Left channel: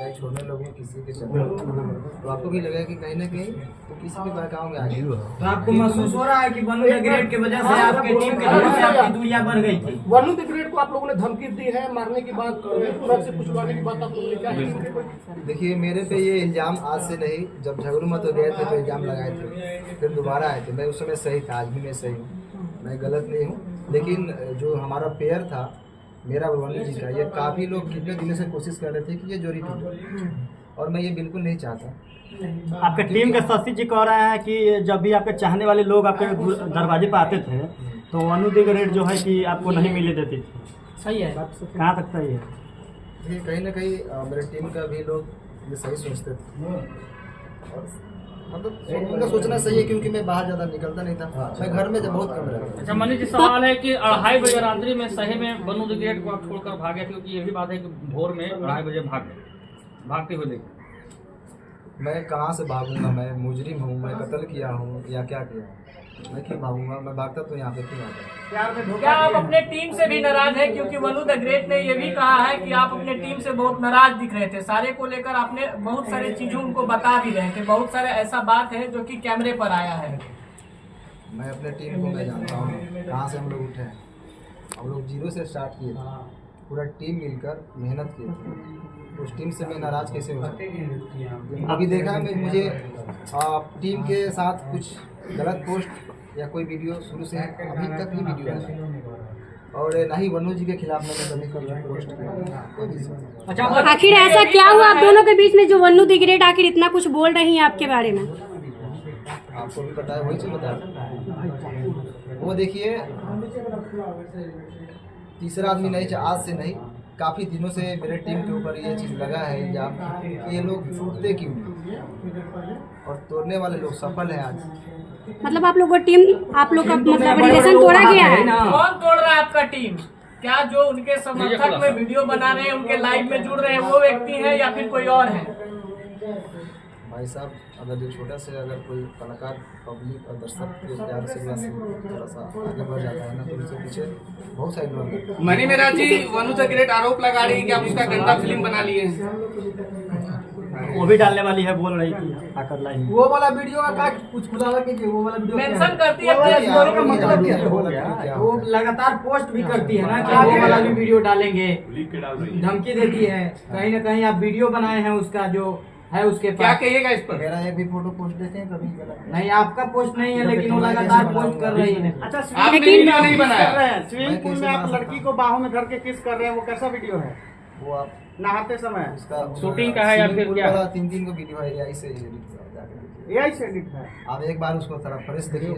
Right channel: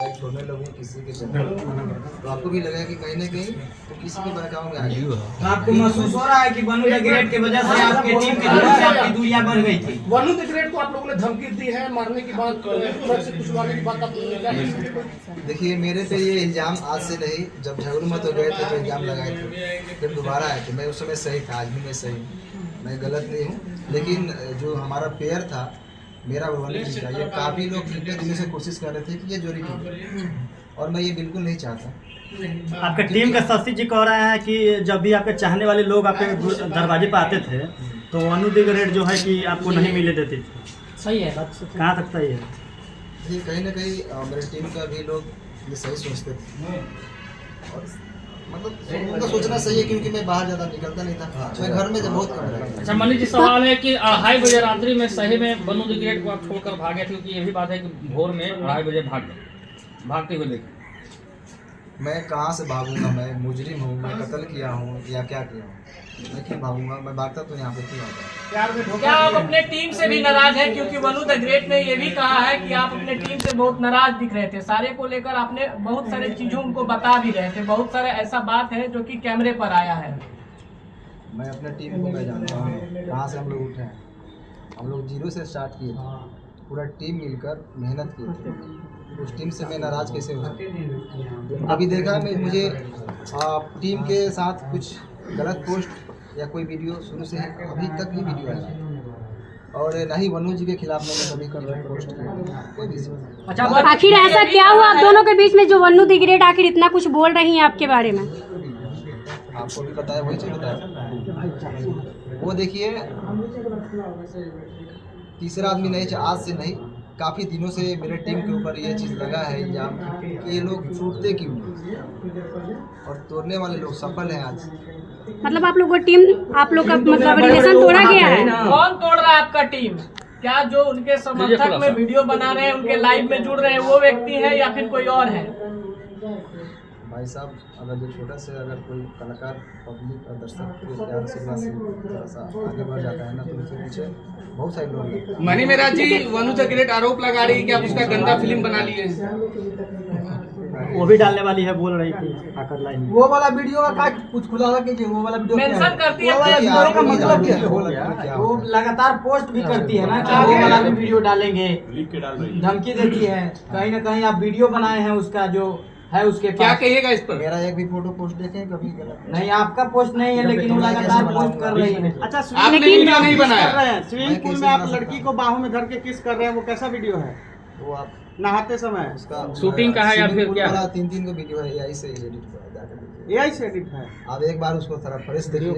छोड़ने लोगों किसी के चक्कर तो आपको भी लगा कि कहीं ना कहीं तो किसी के बहकाव में आ गई। तो आपको महसूस हो रहा है कि वनु द ग्रेट की वजह से आपके टीम के लोगों से आपकी दूरियां बढ़ गई थी? वनु द ग्रेट को आप लोगों ने धमकी दी है मारने की बात, ट्रक से कुचलवाने की बात आप लोगों ने क्या की? देखिए मेरे पे ये इल्ज़ाम आज से नहीं, जब झगड़ूमत हो गए थे तो इल्ज़ाम लगाए थे, फिर दोबारा आए थे। मैं उस समय सही था, आज भी मैं सही हूँ, मैं गलत नहीं हूँ। लेकिन जो हमारा पेयर था मेरा वनु जी का, ये काफ़ी लोग कितने दिनों से कोशिश कर रहे थे कि ये जोड़ी टूटे और मैं ये बिल्कुल नहीं चाहता। आपके टीम के शशि जी कह रहे हैं कि जब भी आपके चाहने वाले लोग आपके दरवाजे पर आते थे तो वनु द ग्रेट जो है कि आपको नहीं मिले देते थे। सही है, कहाँ तक सही है? ये कहीं ना कहीं मेरे टीम का भी लोग ये सही सोचते थे और मतलब उनका सोचना सही है, क्योंकि मैं बाहर ज़्यादा निकलता नहीं था, मैं घर में जब बहुत कम रहता। अच्छा मनीष जी, सवाल है कि 2:30 बजे रात्रि में सही में वनु द ग्रेट को आप छोड़कर भागे, क्योंकि ये भी बात है कि भोर में 2:30 बजे भागते हुए लेकर। मैं कहाँ से भागूंगा? मैं मुजरिम हूँ, मैं कत्ल किया हूँ या क्या किया हूँ? मैं क्यों भागूंगा? मैं भागता तो यहाँ पे क्यों आता? क्या आप अपने टीम से भी नाराज हैं? क्योंकि वनु द ग्रेट ने ये भी कहा है कि आप अपने टीम से बहुत नाराज दिख रहे थे, सारे को लेकर आपने बहुत सारे चीजों उनको बता भी रहे थे, बहुत सारे ऐसा बात है जो कि कैमरे पर आया है। मैं अपने टीम को मैं जानता हूँ कहाँ से हम लोग उठे हैं। हम लोग 0 से स्टार्ट किए थे, पूरा टीम मिलकर मेहनत किए थे। उस टीम से मैं नाराज़ कैसे हो सकता? अभी देखा मैं मुझे टीम के साथ कुछ गलत पोस्ट या कोई वीडियो शुरू से अभी तक ही वीडियो आया और ना ही वनु जी के खिलाफ मैंने कभी कुछ पोस्ट किया, कोई भी। अच्छा, आखिर ऐसा क्या हुआ आप दोनों के बीच में जो वनु द ग्रेट आखिर इतना कुछ बोल रही हैं आपके बारे में? आपको भी बताया, वही चीज़ बताया। वो देखिए तीसरा आदमी नहीं, आज से नहीं, काफ़ी दिनों से मेरे टीम के ऊपर ये चीज़ लगा है इल्जाम कि ये लोग टूटते क्यों नहीं और तोड़ने वाले लोग सफल हैं आज। मतलब आप लोग का टीम, आप लोग का मतलब रिलेशन तोड़ा गया है? कौन तोड़ रहा है आपका टीम? क्या जो उनके समर्थक में वीडियो बना रहे हैं, उनके लाइव में जुड़ रहे हैं, वो व्यक्ति है या फिर कोई और है? भाई साहब, अगर जो छोटा से अगर कोई कलाकार पब्लिक और दर्शक के प्यार आशीर्वाद से थोड़ा सा आगे बढ़ जाता है ना, तो उसके पीछे बहुत सारे लोग हैं। मनी मेरा जी, वनु द ग्रेट आरोप लगा रही है कि आप उसका गंदा फिल्म बना लिए हैं। वो भी डालने वाली है, बोल रही थी आकर लाइन। वो वाला वीडियो का कुछ खुलासा कीजिए, वो वाला वीडियो मेंशन करती है वो लगातार पोस्ट भी करती है ना कि वो वाला भी वीडियो डालेंगे, धमकी देती है। कहीं ना कहीं आप वीडियो बनाए हैं उसका जो है उसके क्या पास। कहिएगा इस पर? मेरा एक भी फोटो पोस्ट देखें कभी गलत नहीं, आपका पोस्ट नहीं है, लेकिन वो लगातार पोस्ट कर रही है। अच्छा, आपने वीडियो नहीं बनाया? स्विमिंग पूल में आप लड़की को बाहों में धर के किस कर रहे हैं, वो कैसा वीडियो है? वो आप नहाते समय उसका शूटिंग का है या फिर क्या? 3 को वीडियो है, AI से एडिट हुआ है, जाकर देखिए। AI से एडिट है। आप एक बार उसको थोड़ा फ्रेश देखिए।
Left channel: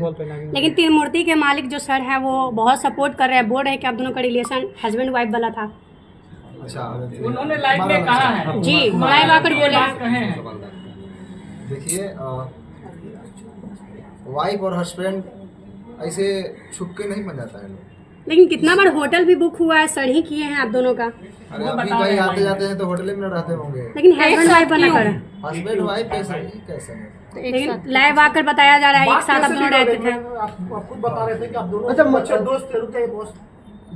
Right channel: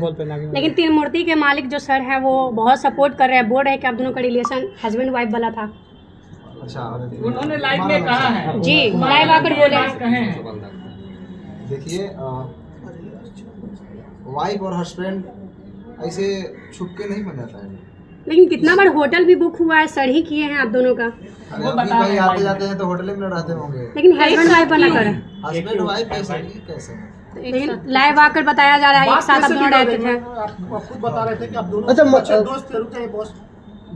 लेकिन तीन मूर्ति के मालिक जो सर है वो बहुत सपोर्ट कर रहे हैं, बोल रहे हैं कि आप दोनों का रिलेशन हस्बैंड वाइफ वाला था। अच्छा, उन्होंने लाइव में कहा है जी, लाइव आकर बोले हैं। कहे हैं। देखिए वाइफ और हस्बैंड ऐसे छुप के नहीं बन जाता है। लेकिन कितना बार होटल भी बुक हुआ है, सर ही किए हैं आप दोनों का। अरे अभी भाई आते जाते हैं तो होटल में रहते होंगे, लेकिन हस्बैंड वाइफ वाला कर हस्बैंड वाइफ कैसे? लेकिन लाइव आकर बताया जा रहा है एक साथ आप दोनों रहते थे। आप खुद बता रहे थे कि आप दोनों अच्छे दोस्त थे। रुकिए बॉस,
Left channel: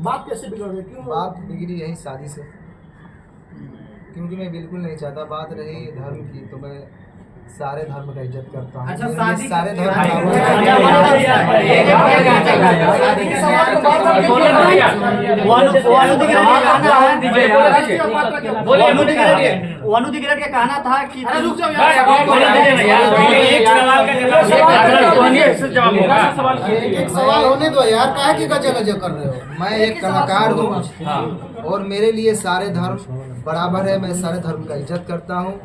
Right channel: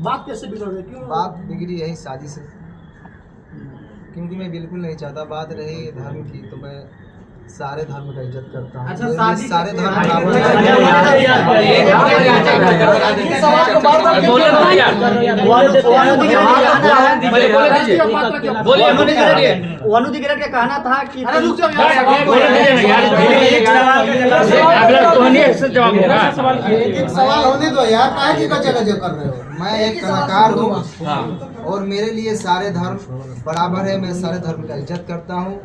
बात कैसे बिगड़ गई? क्यों बात बिगड़ी यही शादी से, क्योंकि मैं बिल्कुल नहीं चाहता। बात रही धर्म की, तो मैं सारे धर्म का इज्जत करता हूँ। अच्छा, शादी सारे धर्म वनु द ग्रेट का कहना था कि एक सवाल होने दो यार, काहे की गजल कर रहे हो? मैं एक कलाकार हूँ और मेरे लिए सारे धर्म बराबर है। मैं सारे धर्म का इज्जत करता हूँ।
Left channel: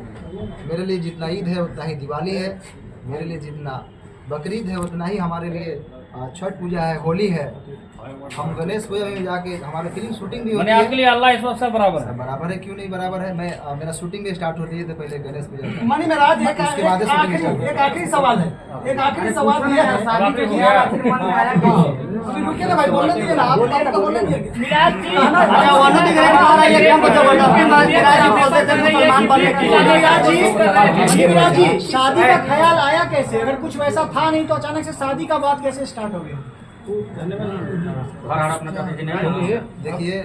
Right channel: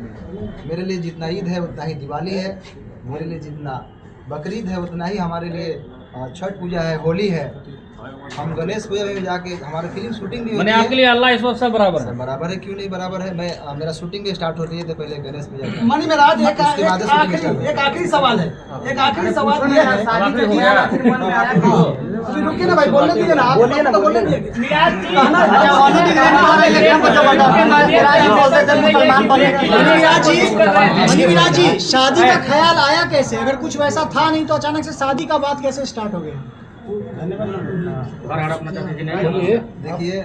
मेरे लिए जितना ईद है उतना ही दिवाली है, मेरे लिए जितना बकरीद है उतना ही हमारे लिए छठ पूजा है, होली है। हम गणेश पूजा में जाके हमारी फिल्म शूटिंग भी होती है। आपके लिए अल्लाह ईश्वर सब बराबर है। सब बराबर है, क्यों नहीं बराबर है। मैं मेरा शूटिंग भी स्टार्ट होती है तो पहले गणेश पूजा का, मनी मेराज, उसके बाद शूटिंग स्टार्ट होती है। एक आखिरी सवाल है, एक आखिरी सवाल ये है। शादी के लिए आखिर मन में आया कि अभी रुकिए ना भाई, बोलने दीजिए ना, आप तो बोलने दीजिए। मिराज जी, मिराज जी, शादी का ख्याल आया कैसे? अगर कुछ वैसा था नहीं तो अचानक से शादी का बात कैसे स्टार्ट हो गया? देखिए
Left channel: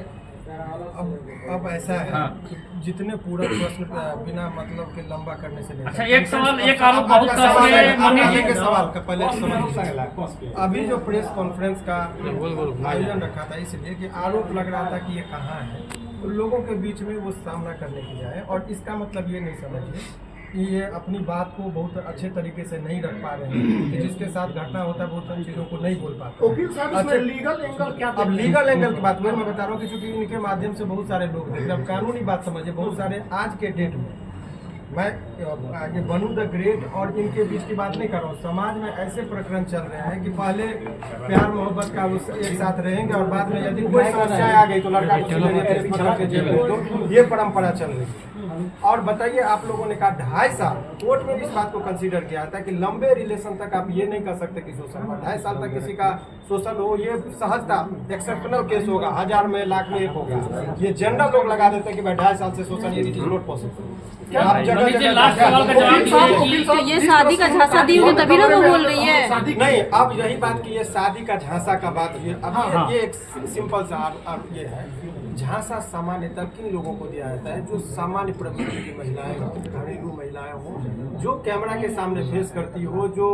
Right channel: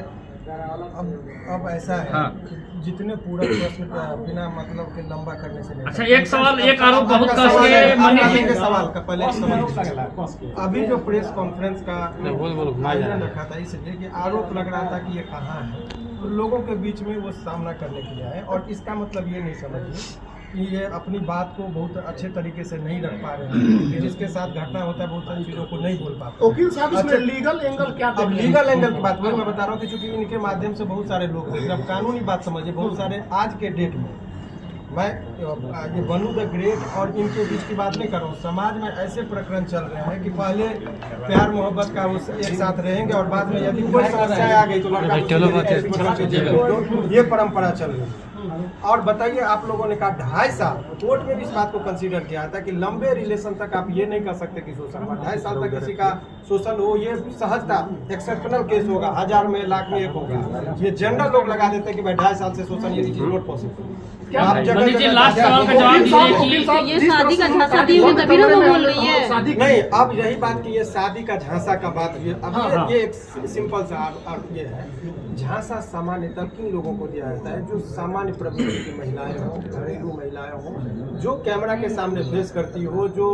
अब ऐसा है हाँ। कि जितने पूरक प्रश्न पे बिना मतलब के लंबा करने से नहीं। अच्छा, एक सवाल, एक आरोप बहुत आपका सवाल है, तरह आप से लेंगे सवाल का पहले समझ। अभी जो प्रेस कॉन्फ्रेंस का आयोजन रखा था इसलिए कि आरोप लग रहा था कि ये कहाँ है, तो लोगों के बीच में वो सामना करने के लिए आए। और इसका मतलब ये नहीं समझिए कि ये अपनी बात को बहुत अच्छे तरीके से नहीं रख पा रहे हैं, कि जिसके साथ घटना होता है बहुत सारी चीज़ों को नहीं बोल पाते। वकील साहब इसमें लीगल एंगल क्या अब लीगल एंगल की बात वही मैं बता रहा हूँ कि चूंकि इनके माध्यम से बहुत सारे लोग देख रहे हैं। अब कानूनी बात समझिए, बहुत सारे आज के डेट में मैं ये बनू द ग्रेट और इनके बीच की बात नहीं कर रहा हूँ। समाज में ऐसे प्रकरण चल रहे हैं कि पहले प्यार मोहब्बत का उस एक साथ रहेंगे और बाद में यदि कोई समस्या आ गई तो लड़का को सीधे जेल में पकड़ के जेल में दो। ये परंपरा चल रही है। और बताइए, आप लोगों ने कहा 2.5 साल, कोर्ट में भी इस बात को कंसीडर किया था कि लंबे रिलेशन तक आप ये नहीं कर सकते कि शोषण हुआ। 2.5 साल तक किसी का शोषण हो, ये सहजता एक्सेप्शनल केस होगा, 1000 में लाख में एक होगा। ये जनरल लोग लगा देते हैं कि भाई 2.5 साल से शोषण, ये इट इज नॉट पॉसिबल। आप जगह जगह ये शादी का झांसा दी हुई तभी ना वो बोल रही है। नहीं, अब यही बात की ये शादी का झांसा का बात ये अब ये एक सिंपल सा ये है। झांसा सामान्यतः किन लोगों को दिया जाता है? जो सामान्य प्रवृत्ति की महिलाएं हो, घरेलू महिलाएं हो, जो कैमरा के सामने फेस करती हो, जो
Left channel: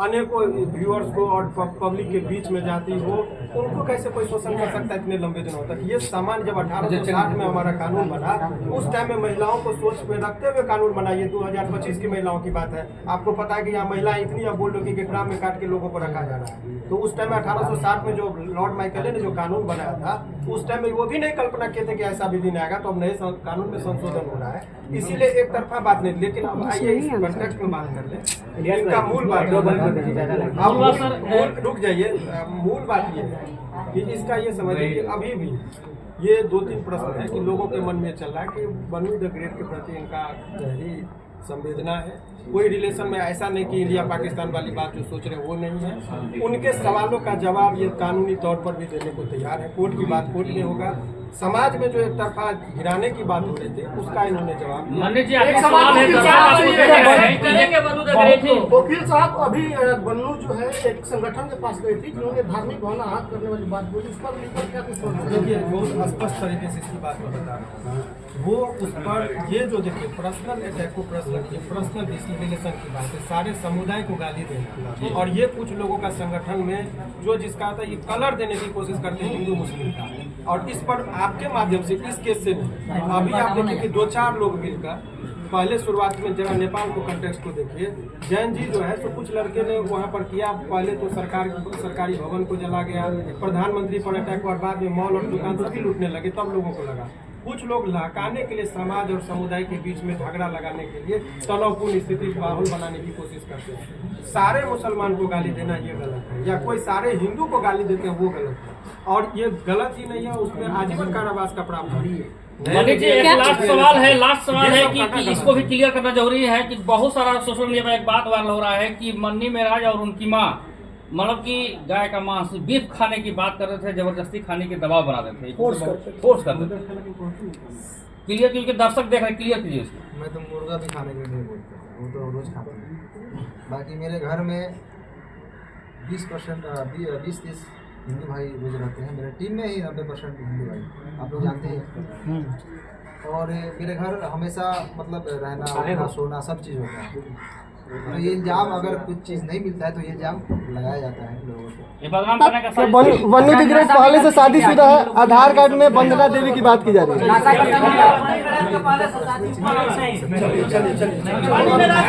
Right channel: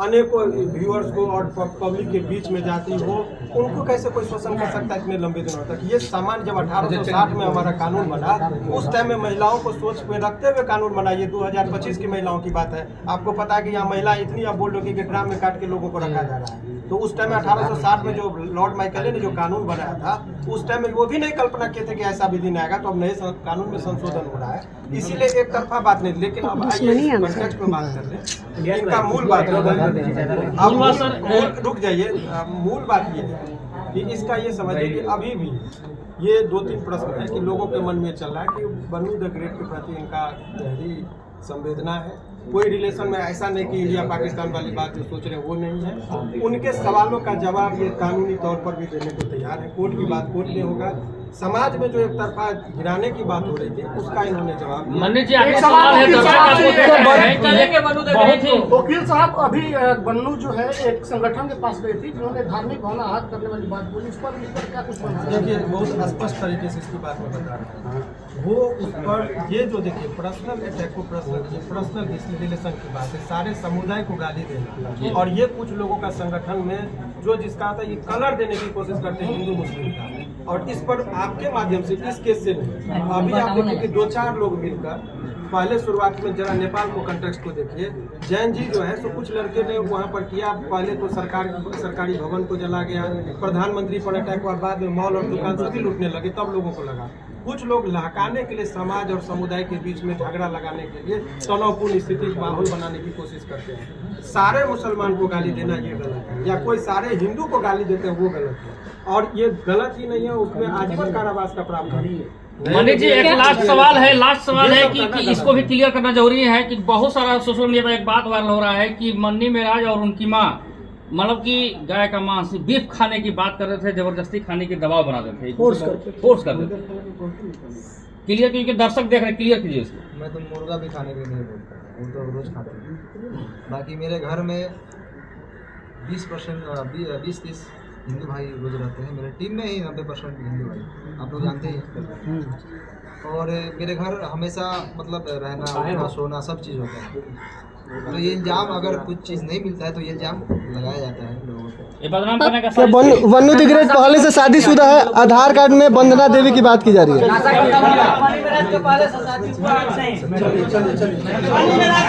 अनेकों व्यूअर्स को और पब्लिक के बीच में जाती हो, उनको कैसे कोई शोषण कर सकता है इतने लंबे दिनों तक? ये सामान्य जब 1860 में हमारा कानून बना, उस टाइम में महिलाओं को सोच में रखते हुए कानून बना। ये 2025 की महिलाओं की बात है। आपको पता है कि यहाँ महिलाएं इतनी अब बोल रही कि ड्राम में काट के लोगों को रखा जा रहा है। तो उस टाइम में 1860 में जो लॉर्ड माइकले ने जो कानून बनाया था, उस टाइम में वो भी नहीं कल्पना किए थे कि ऐसा भी दिन आएगा। तो अब नए कानून में संशोधन हो रहा है, इसीलिए एक तरफा बात नहीं। लेकिन अब आइए इस कॉन्टेक्स्ट में बात कर लें। इनका मूल बात अब मूल रुक जाइए, मूल बात ये है कि इसका ये समझिए कि अभी भी ये 2-3 प्रश्न है कि लोगों के मन में चल रहा है कि बनू द ग्रेट के प्रति इनका गहरी संवेदना है। कोई रिलेशन में ऐसा नहीं कि इंडिया पाकिस्तान वाली बात जो सोच रहे हैं वो नहीं है। उनके सवालों का जवाब ये कानूनी तौर पर भी देने को तैयार है। कोर्ट की बात कोर्ट में होगा। समाज में जो एक तरफा गिराने की बात हो रही थी उसका इन्होंने जवाब दिया। वकील साहब, अभी बन्नू जो है एक संगठन के पास गई थी जिन्होंने धार्मिक भावना आहत करने वाली बात बोली, उस पर भी क्या कुछ बोला? देखिए, बहुत स्पष्ट तरीके से इसकी बात मैं बता रहा हूँ। वो उस पर ये जो देखिए पर्सनल अटैक को पर्सनल रिलेशन की बात है, सारे समुदाय को गाली देना। और ये कुछ लोगों का संगठन में जो जिसका था ये कलर देने की कोशिश करते हैं हिंदू मुस्लिम का। और इस पर आपके माध्यम से इस केस से नहीं, अभी आप देखिए कि 2-4 लोग मिलकर पहले शुरुआत में जरा नेपाल को कंटेक्स्ट को देखिए। जैन जी जो है तो कुछ लड़के ने वहाँ पर किया। पहले तो सरकारी भवन को जला गया, प्रधानमंत्री पर अटैक हुआ, बाद में मॉल और दुकान सभी लूटने लगे। तब लोगों को लगा कुछ लोग लहकाने के लिए समाज और समुदाय के बीच में झगड़ा लगाने के लिए तनावपूर्ण स्थिति माहौल बनाने की कोशिश करते हैं। सारे मुसलमान को गाली देना ये गलत है, या कोई सारे हिंदू को गाली देते हैं वो गलत है। और ये गलत ही नहीं है, उसमें आजीवन कारावास का प्रावधान है। मनीष जी, एक लास्ट सवाल है कि इसको भी क्लियर करना जरूरी है कि बहुत सारा सोशल मीडिया में एक बात वायरल हो रहा है कि मन्नी मेराज और उनकी माँ मतलब कि गाय का मांस बीफ खाने की बात कर रहे थे, जबरदस्ती खाने की दबाव बना रहे थे, फोर्स कर रहे थे। क्लियर, क्योंकि दर्शक देख रहे हैं, क्लियर कीजिए इसको। मैं तो मुर्गा भी खाने के लिए बोलता हूँ, वो तो रोज खाते हैं। बाकी मेरे घर में 20-30 हिंदू भाई रोज रहते हैं। मेरे टीम में ही 90% हिंदू भाई, आप लोग जानते हैं। और मेरे घर हमेशा मतलब रहना, उठना, सोना सब चीज़ होता है। तो ये इल्जाम, अगर कुछ चीज़ नहीं मिलता है तो ये इल्जाम लगाया जाता है लोगों को। ये बदनाम करने का बन्नू द ग्रेट पहले से शादीशुदा है। आधार कार्ड में वंदना देवी की बात की जा रही है। चलिए